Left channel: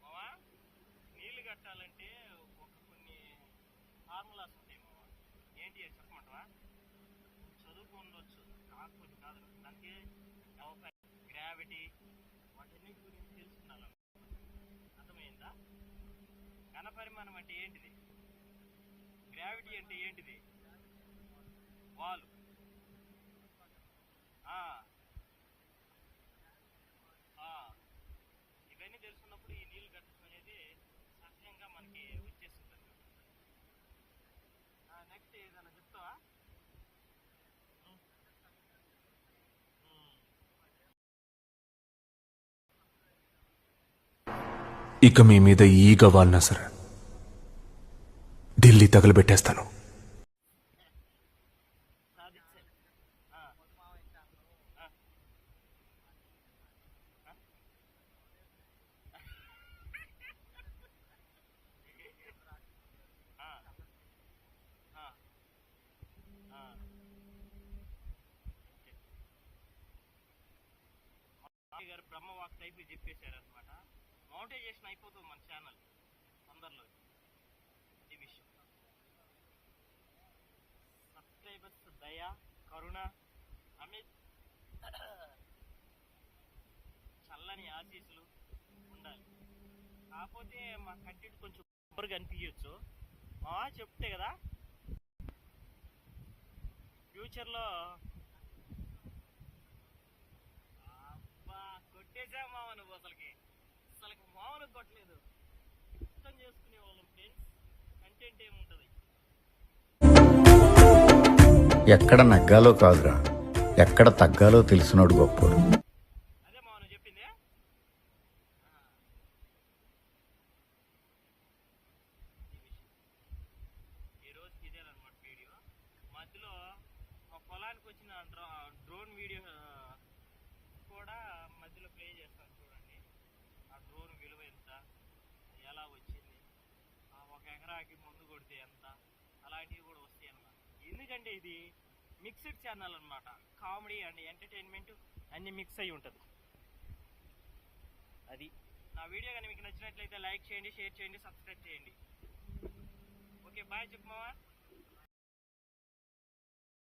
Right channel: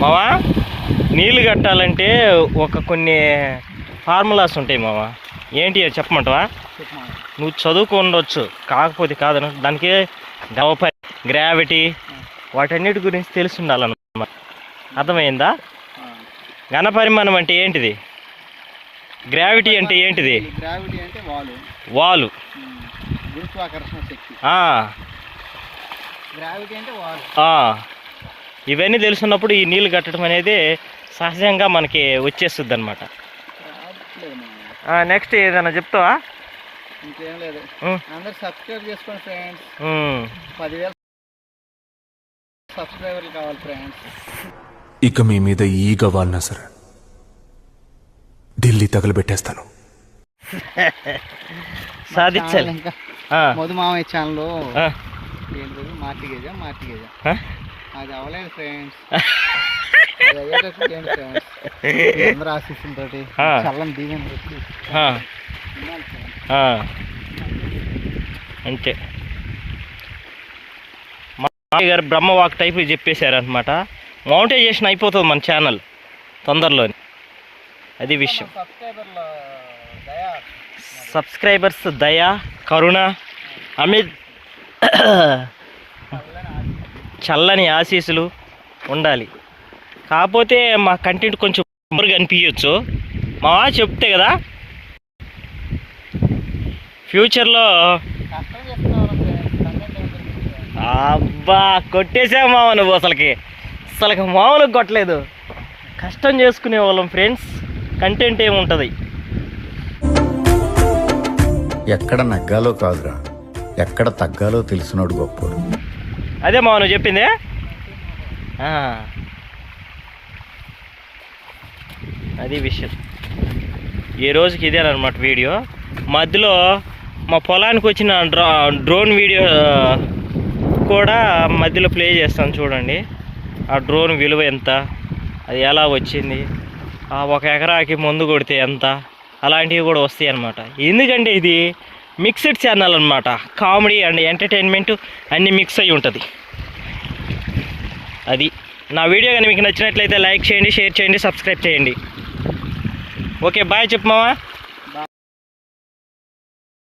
మావా నీళ్ళు కట్టాలంటే కొన్ని ఫార్ములాస్ ఉంటాయి మావా. ఏంటి చెప్పమంటావా? నువ్వు చదువుకుండొచ్చు, కాకపోతే కాదను దానికి గ్రావిటీ వాటన్నిటి గురించి తెలిసి ఉండాలన్నమాట. అర్థమైందా? ఘనపరిమాణం అంటే ఏంటిది? గ్రావిటీ అంటే ఏంటిది? గ్రావిటీ అంటే వాలు. గురుత్వాకర్షణ శక్తి. గ్రావిటీ అంటే వాలు. ఇవన్నీ తెలుసున్నప్పుడు ఈ నీళ్ళు కట్టడం అనేది సహజంగా మనకి వచ్చేస్తుంది అనమాట. నెక్స్ట్ ఏదైనా చెప్తావా? ఇంకేం లేదు, అందరు సబ్స్క్రైబ్ చేసుకోండి ఫ్రెండ్స్. 10,000 సబ్స్క్రైబర్లు కావాలి ఫ్రెండ్స్. ఇక మీ మీద ఈగ వాడినా సరే ఢిల్లీ తగలబెట్టేస్తాను. సాధించాలి. ఇంకా మధుమామయ్య ఛానల్లో మార్టిగేజా అది అవ్వలేదు ఫ్రెండ్స్. అందరూ ఆశిస్తుంటోటి చల్లని దీవెన అంతే. మా గారు బ్రహ్మవాక్ టైప్ చెప్పేశారనమాట. మౌంటైజేషన్ అయిపోతుంది మన ఛానల్ తొందరలోని. అది విషయం. సబ్స్క్రైబర్స్ దయ, కరుణ, అమిత్ చల్లని ఆశీస్సులు ఉండాలి. కాకపోతే మా కంటెంట్ కొంచెం బోరుగా అనిపించవచ్చు. మా చెప్తే కదా ఫ్యూచర్లో. అబ్బా కొట్టేసావు మామ నువ్వు. అసలుకి మామూలుగా కొట్టలేదు. కష్టం చేసుకునే వాళ్ళం ఫ్రెండ్స్. కంటెంట్ ఏముంటుంది? ఎక్కడ నగ్గాలో కాదురా, ఎక్కడ తగ్గాలో తెలిసినోడు గొప్పోడు. అదే మావ నువ్వు చెప్పిందే. అది విషయం. ఈ రోజుకి ఇదేనమాట వీడియో. మధ్యలో మా పొలానికి వచ్చిన డ్రోన్ వీడియో కూడా మధ్యలో ప్లే చేస్తాను చూడండి. ఆ డ్రోన్ విలువ ఎంత, అది ఎలా వచ్చింది, 1 ఎకరాకి మందు కొడితే ఎంత, అలాంటివి కూడా వస్తాయి అన్నమాట. ఎందుకంటే ఇది మిక్స్డ్ ఛానల్ అనమాట. కామెడీ అండ్ ఎంటర్టైన్మెంట్ అన్నీ మిక్స్ అయి ఉంటుంది. అది నా వీడియో కానీ మీకు నచ్చినట్లయితే లైక్ చేయండి, షేర్ చేయండి, సబ్స్క్రైబ్ చేయండి. ఓకే బాయ్ చెప్పు మావా.